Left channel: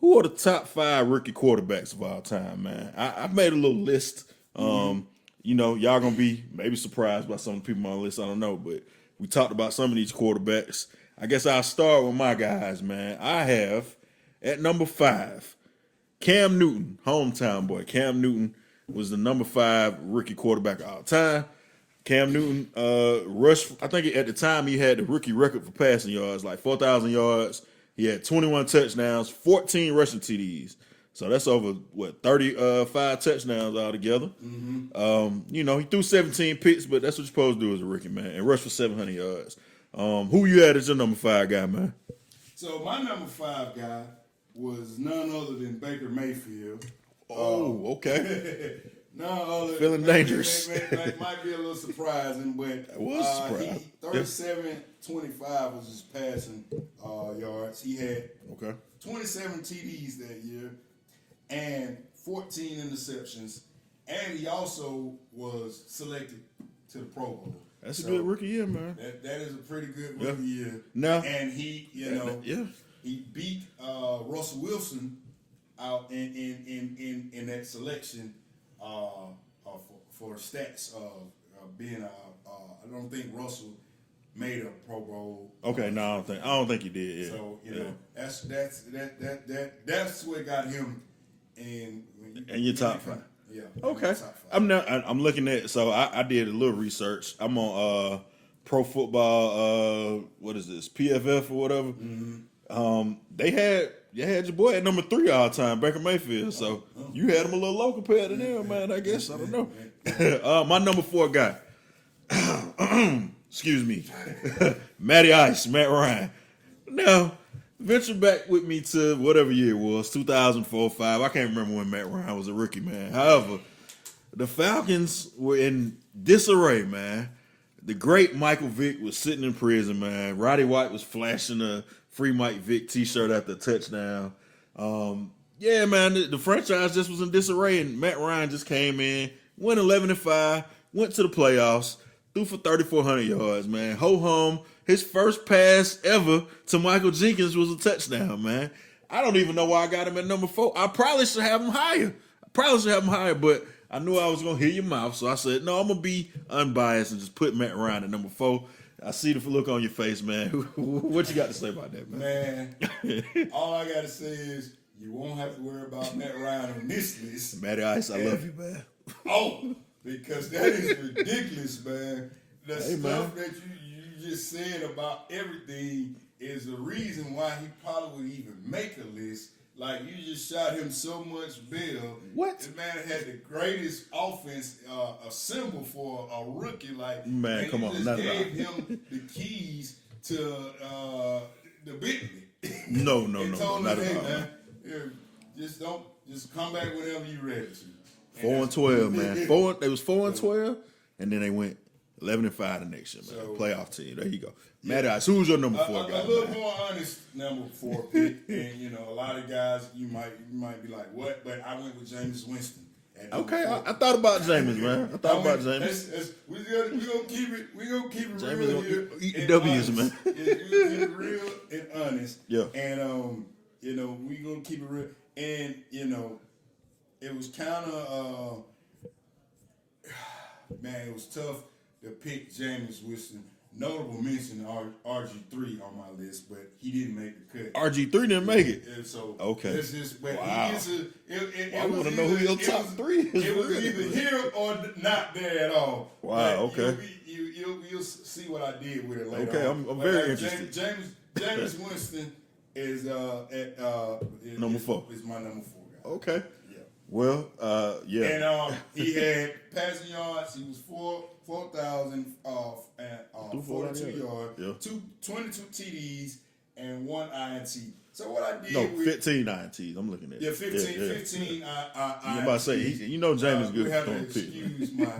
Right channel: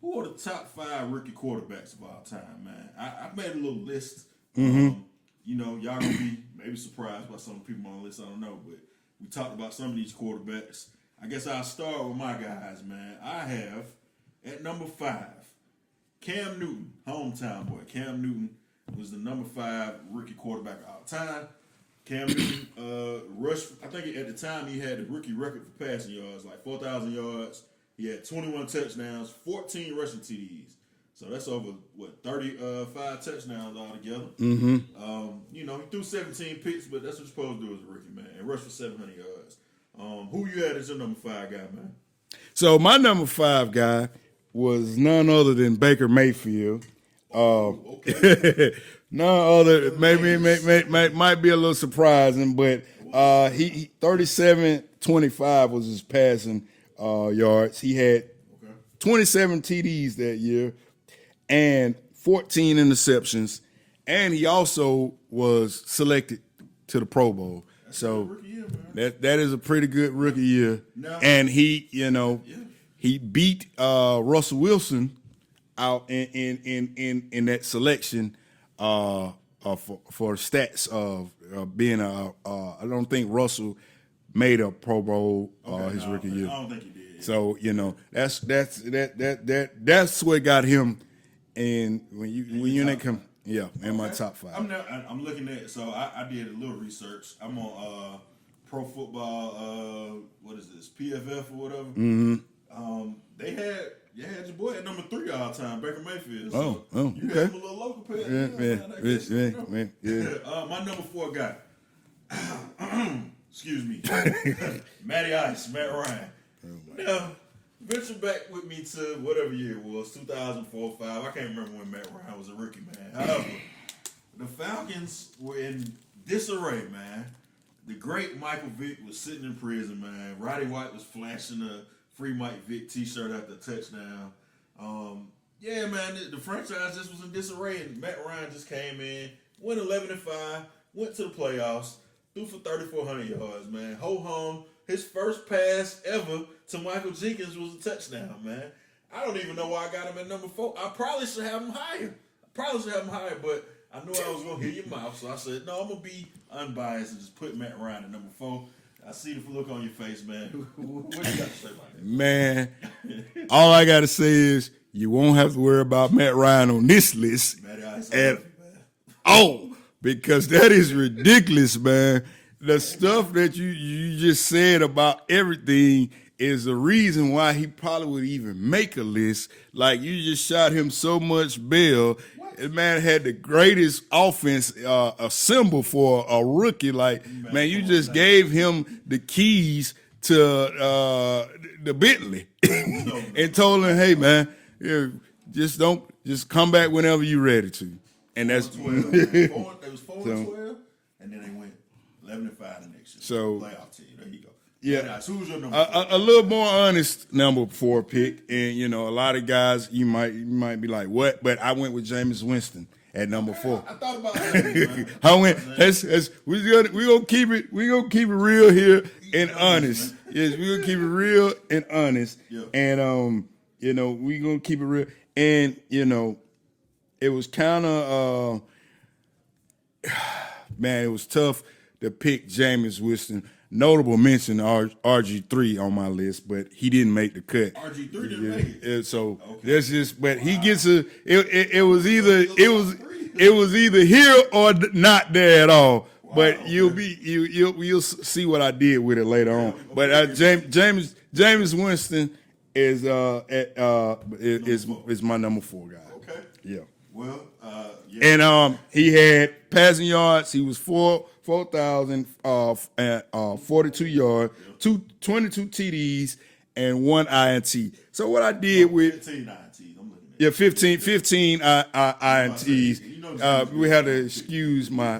who are the top 5 rookie quarterbacks of all time, man? I made a little list. Y'all gonna be maybe surprised by some of the people on the list. I don't know, but we talked about some of these quarterbacks. I guess I'll start with my guys, man. I have at number 5 Cam Newton, hometown boy. Cam Newton was the number 5 rookie quarterback of all time. Cam Newton rushed. I think at the time he had the rookie record for passing yards, like 4,000 yards. He had 21 touchdowns, 14 rushing TDs. So that's over 35 touchdowns altogether. He threw 17 picks, but that's what you're supposed to do as a rookie, man, and rush for 700 yards. Who you had as your number 5 guy, man? So my number 5 guy was none other than Baker Mayfield. Okay. None other, maybe might be a little surprising, but he 37-25 was his passing yards. He had 27 TDs that year and 14 interceptions, and he also was selected to the Pro Bowl. That's a good rookie year, man. That is a pretty good rookie year. No. And he, he beat Russell Wilson out in that selection for stats of being I don't think Russell made a Pro Bowl. Okay, I don't think he did. Yeah. So that's what got him. And when you come, in my top 5. I'm looking at. So I did a little research. I'm on Pro Football. What is this? PFF or whatever. Mm-hmm. They had your boy at number 3 all time, Baker Mayfield. So you had him a little low compared to them, man. I guess I don't know. My number 4 guy. Excuse me, Matty Ice, Matt Ryan. Now, venture back with me to whatever year it was, 2004, 5. I can't remember when Matt Ryan was a rookie, man. However, the Falcons were in disarray, man. The great Michael Vick was sitting in prison, man. Roddy White was flashing a free Mike Vick t-shirt after a touchdown. Man, the franchise just was in disarray, and Matt Ryan just came in, went 11-5, went to the playoffs, threw for 3,400 yards, man. Ho-hum. His first pass ever to Michael Jenkins was a touchdown, man. I don't even know why I got him at number 4. I probably should have him higher. But I knew I was going to hear your mouth, so I said, no, I'm going to be unbiased and just put Matt Ryan at number 4. I see the look on your face, man. What you got to say about that, man? All I got to say is you won't have to worry about Matt Ryan on this list. Matty Ice, I love you, man. Because that is ridiculous, man. The stuff that you just said about everything is the reason why he probably would even make a list. Like, you just shot him so much bail. What? The man had the greatest offense assembled for a rookie. Like, man you just gave him the keys to the Bentley. And told him, hey, man, just come back whenever you're ready to. And 4-12, man. They was 4-12, and then they went 11-5 the next year. So playoff team. There you go. Yeah. So who's your number 4? A little more honest number 4 pick, and a lot of guys you might be like, what? But I went with Jameis Winston at number 4. I thought about Jameis, man. We're gonna keep it real here and honest. Yes, we're gonna keep it real and honest. Yeah. And we're gonna keep it real. And it was kind of man, it was tough to pick Jameis Winston. Notable mention RG3 on my list, but he didn't make the cut. RG3 didn't make it. So that's just. But he gets it was either here or not there at all. Wow, but you'll see what I did with it later on. But Jameis Winston is my number 4 guy. Okay. Yeah. Well, And he had passing yards. He was 4,042 yards, 22 TDs, and 1 INT. So what I did with 15 INTs, I'm looking at 15 INTs. We had to excuse my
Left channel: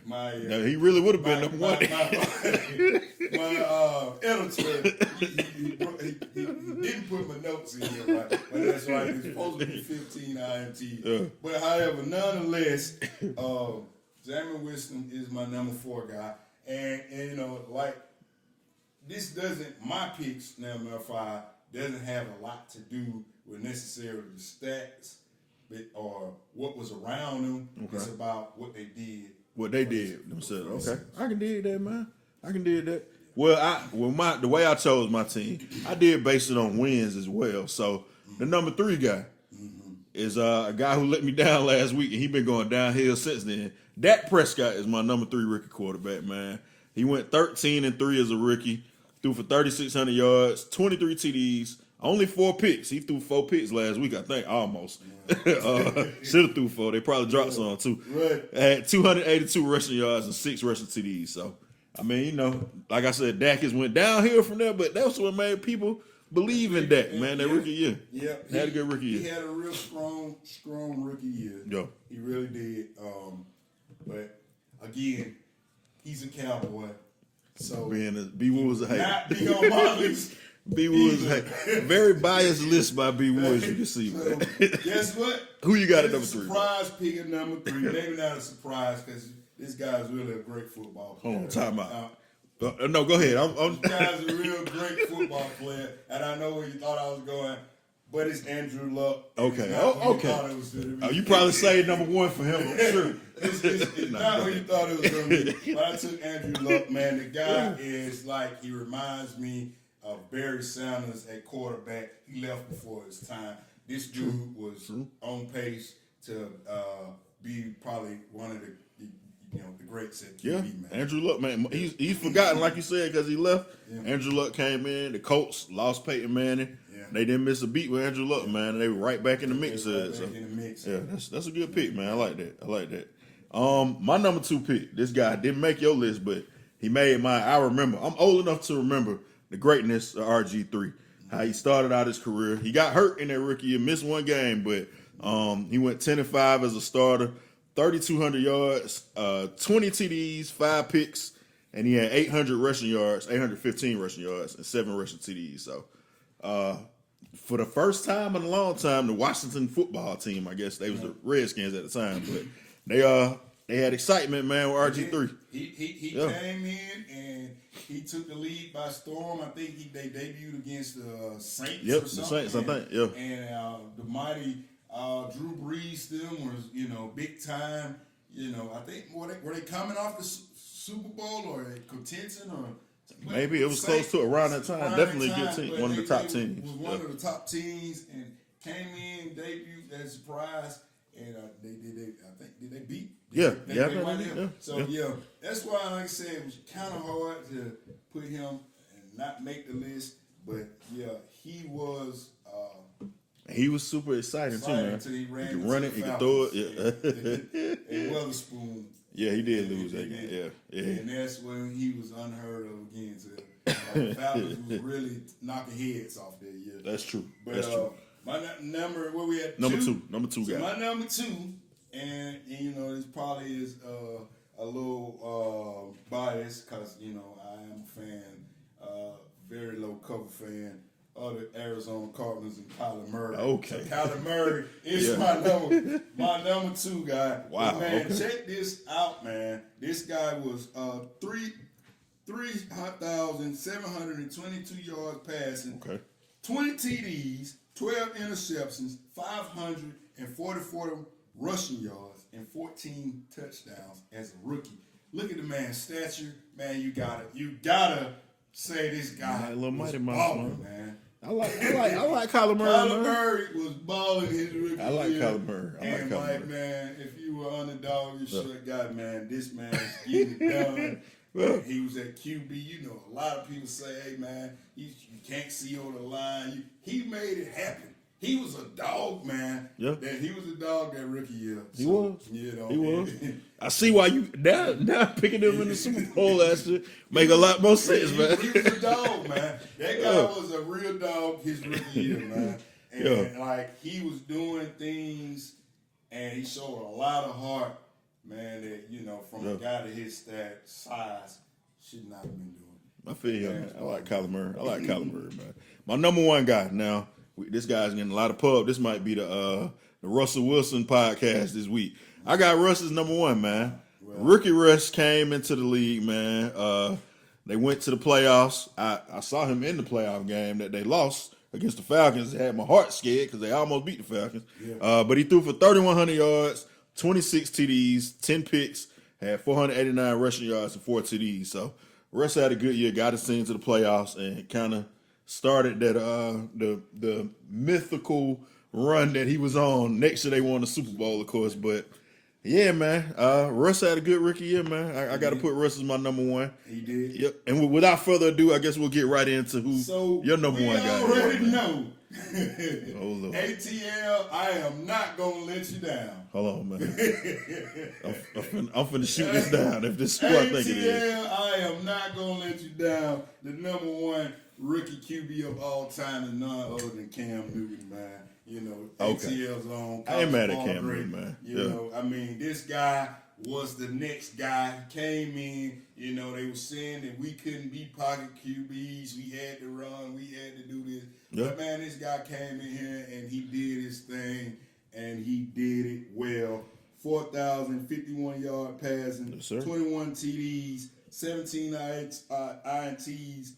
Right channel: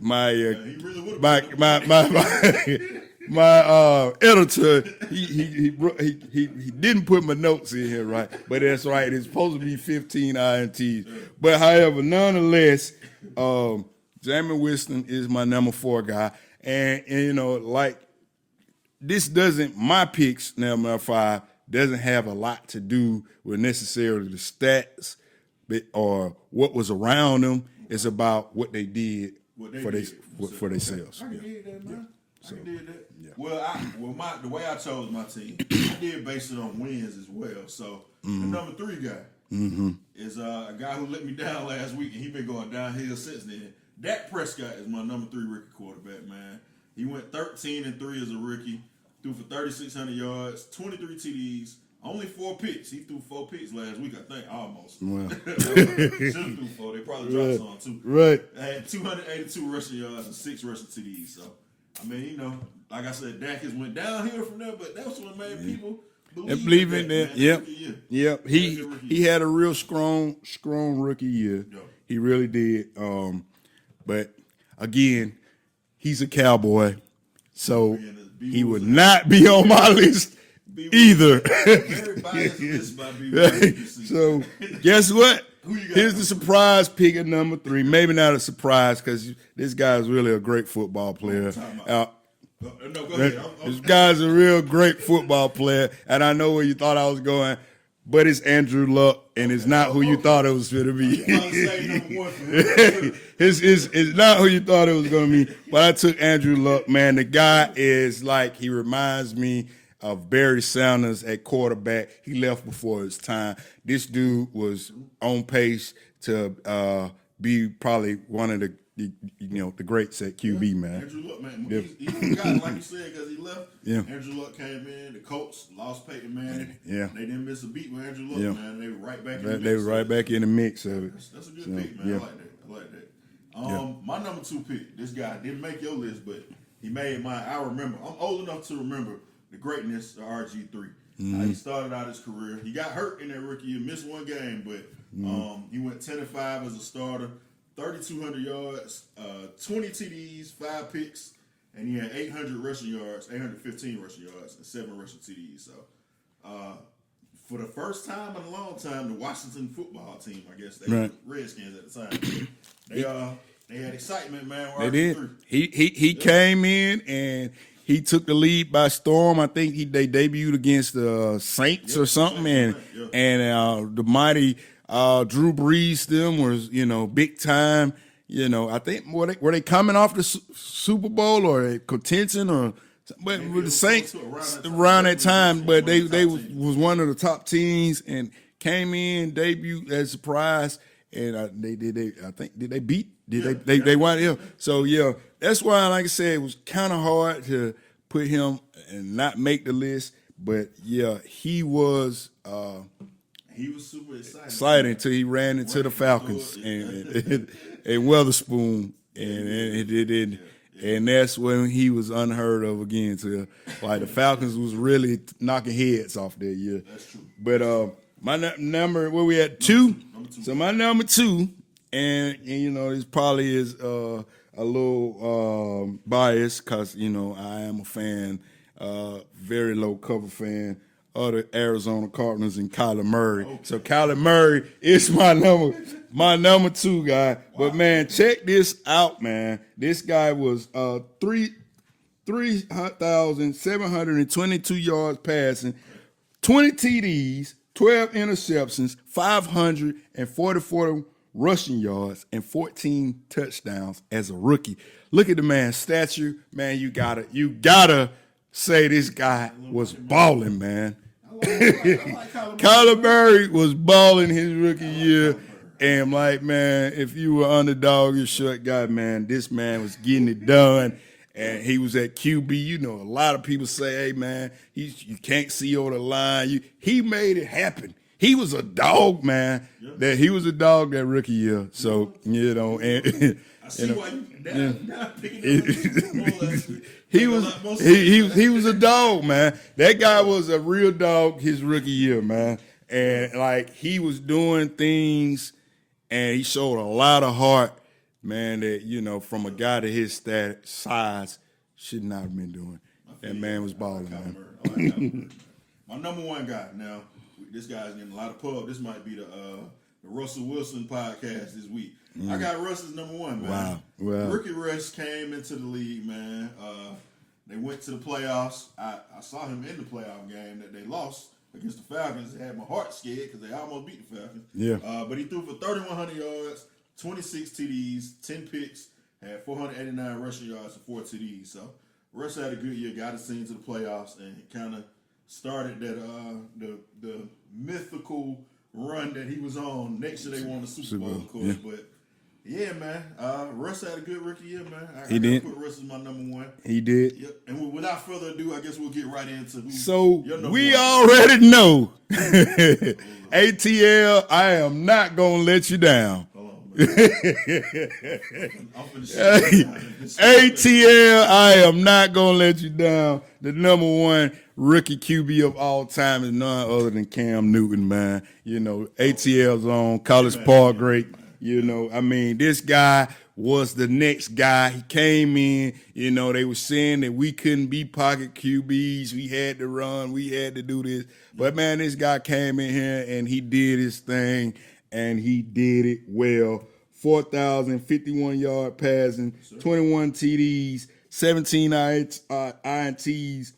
he really would have been my editor. He didn't put my notes in here right, but that's right. It's supposed to be 15 INTs. But however, nonetheless, Jameis Winston is my number 4 guy, and like this doesn't my picks number 5 doesn't have a lot to do with necessarily the stats or what was around them. Okay. It's about what they did. What they did for themselves. I can dig that, man. I can dig that. Yeah. Well, the way I chose my team, I did base it on wins as well. So the number 3 guy is a guy who let me down last week, and he been going downhill since then. Dak Prescott is my number 3 rookie quarterback, man. He went 13-3 as a rookie, threw for 3,600 yards, 23 TDs, only 4 picks. He threw 4 picks last week, I think, almost. Wow. Should have threw 4. They probably dropped some too. Right. Had 282 rushing yards and 6 rushing TDs. So, I mean, like I said, Dak has went downhill from there, but that's what made people believe in Dak, man. That rookie year. Yep. He had a real strong rookie year. Yeah. He really did. But, again, he's a Cowboy, so he would not be on my list. Either. Very biased list by BeeWoo, you can see. So, guess what? Who you got? Here's the surprise pick at number 3. Maybe not a surprise because this guy's really a great football player. No, go ahead. This guy's a real great football player, and I know where you thought I was going, but it's Andrew Luck, and it's not who you thought it was going to be. You probably say number 1 for him. It's not who you thought it was going to be, but I took Andrew Luck, man. The guy is like, he reminds me of Barry Sanders at quarterback. He left before his time. This dude was on pace to be probably one of the greats at QB, man. Andrew Luck, man. Yeah. He's forgotten, like you said, because he left. Yeah. Andrew Luck came in. The Colts lost Peyton Manning. Yeah. They didn't miss a beat with Andrew Luck, man. They were right back in the mix. They were right back in the mix. That's a good pick, man. I like that. My number 2 pick, this guy didn't make your list, but he made mine. I remember. I'm old enough to remember the greatness of RG3. How he started out his career. He got hurt in that rookie year, missed 1 game, but he went 10-5 as a starter, 3,200 yards, 20 TDs, 5 picks, and he had 800 rushing yards, 815 rushing yards, and 7 rushing TDs. So, for the first time in a long time, the Washington football team, I guess they were the Redskins at the time, but they had excitement, man, with RG3. He came in and he took the lead by storm. I think they debuted against the Saints or something, and the mighty Drew Brees them was big time. I think were they coming off the Super Bowl or contention or maybe the Saints around that time, but they was one of the top teams and came in, debuted as a surprise, and did they beat? They won. Yeah. So that's why, like I said, it was kind of hard to put him and not make the list. But he was super excited until he ran into the Falcons and Weatherspoon. Yeah, he did. And that's when he was unheard of again. The Falcons was really knocking heads off that year. That's true. But my number, where we at? 2? Number 2. So my number 2, and this probably is a little biased because I am a fan, very low cover fan of the Arizona Cardinals and Kyler Murray. Okay. So Kyler Murray is my number 2 guy. Wow. But man, check this out, man. This guy was 3,722 yards passing, 20 TDs, 12 interceptions, 544 rushing yards, and 14 touchdowns as a rookie. Look at the man's stature, man. You gotta say this guy was balling, man. I like Kyler Murray. Kyler Murray was balling his rookie year. And Mike, man, if you were underdog, your short guy, man, this man is getting it done. And he was at QB. A lot of people say, hey, man, you can't see over the line. He made it happen. He was a dog, man. Yep. He was a dog that rookie year. So, and I see why you now picking him in the Super Bowl last year. He was a lot more sense, he was a dog, man. That guy was a real dog his rookie year, man. And he was doing things, and he showed a lot of heart, man. That from a guy to his size should not have been doing. That man was balling. I like Kyler Murray, man. My number 1 guy now. This guy's getting a lot of pub. This might be the Russell Wilson podcast this week. I got Russ as number 1, man. Wow. Rookie Russ came into the league, man. They went to the playoffs. I saw him in the playoff game that they lost against the Falcons had my heart scared because they almost beat the Falcons. Yeah. But he threw for 3,100 yards, 26 TDs, 10 picks, had 489 rushing yards and 4 TDs. So Russ had a good year, got us into the playoffs, and kind of started that the mythical run that he was on. Next year they won the Super Bowl, of course, but. Yeah, man. Russ had a good rookie year, man. I got to put Russ as my number one. He did. Yep. And without further ado, I guess we'll get right into who your number we one guy already know. ATL, I am not going to let you down. Hold on, man. I'm finna shut you down. If this ATL, I am not going to let you down. The number one rookie QB of all time is none other than Cam Newton, man. You know, ATL's on, College Park great. Man. You know, I mean, this guy was the next guy. He came in, you know, they were saying that we couldn't be pocket QBs. We had to run. We had to do this. Yep. But, man, this guy came in here and he did his thing, and he did it well. 4,051 yard passing, yes, 21 TDs, 17 INTs,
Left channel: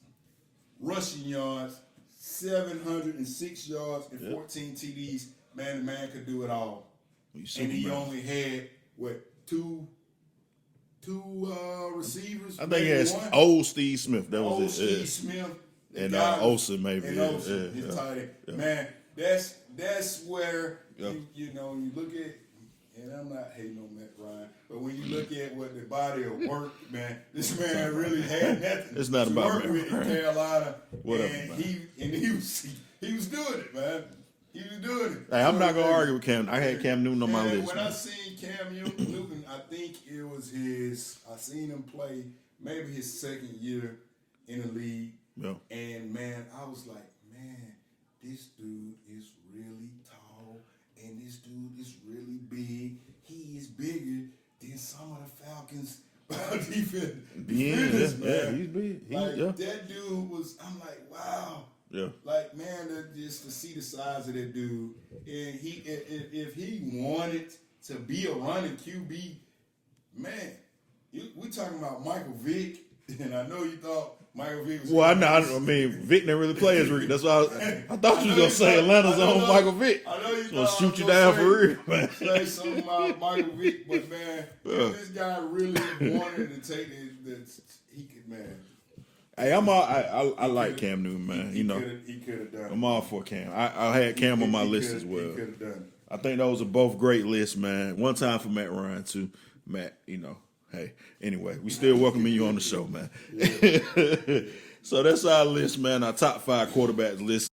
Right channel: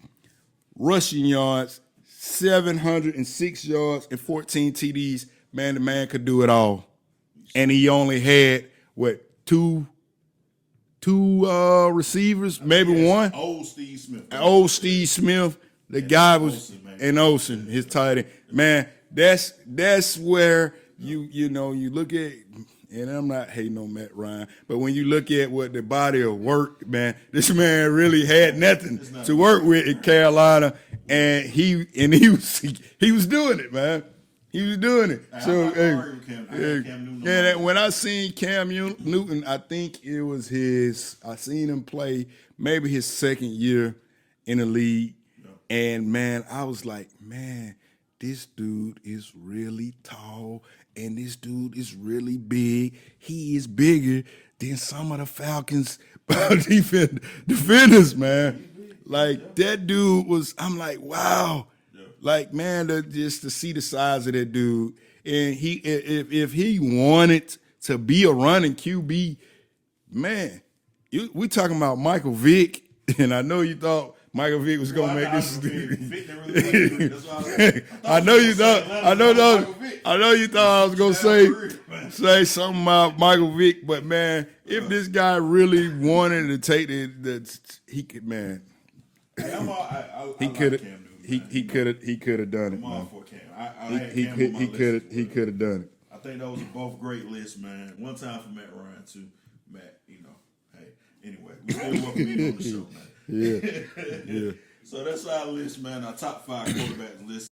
rushing yards, 706 yards, and 14 TDs. Man, the man could do it all. And he only had, two receivers, maybe one. Old Steve Smith. Steve Smith. The guy was Olsen, his tight end. Yeah. Man, that's where you know you look at, and I'm not hating on Matt Ryan, but when you look at what the body of work, man, this man really had nothing to work with in Carolina, and he was doing it, man. He was doing it. Hey, I'm not gonna argue with Cam. I had Cam Newton on my list. When I seen Cam Newton, I think it was I seen him play maybe his second year in the league. Yeah. And man, I was like, man, this dude is really tall and this dude is really big. He is bigger than some of the Falcons defenders, man. He's big. Like that dude was, I'm like, wow. Yeah. Like, man, just to see the size of that dude. And if he wanted to be a running QB, man, we talking about Michael Vick, and I know you thought Michael Vick was going to I mean, Vick didn't really play his. That's why I thought you were saying Michael Vick. I know you thought I was going to say something about Michael Vick, but, man, if this guy really wanted to take he could, man. Hey, I like Cam Newton, man. He could have done it. I'm all for Cam. I had Cam on my list as well. He could have done it. I think those are both great lists, man. One time for Matt Ryan, too. Matt, you know, hey. Anyway, we still welcoming you on the show, man. Yeah. So that's our list, man. Our top 5 quarterbacks list.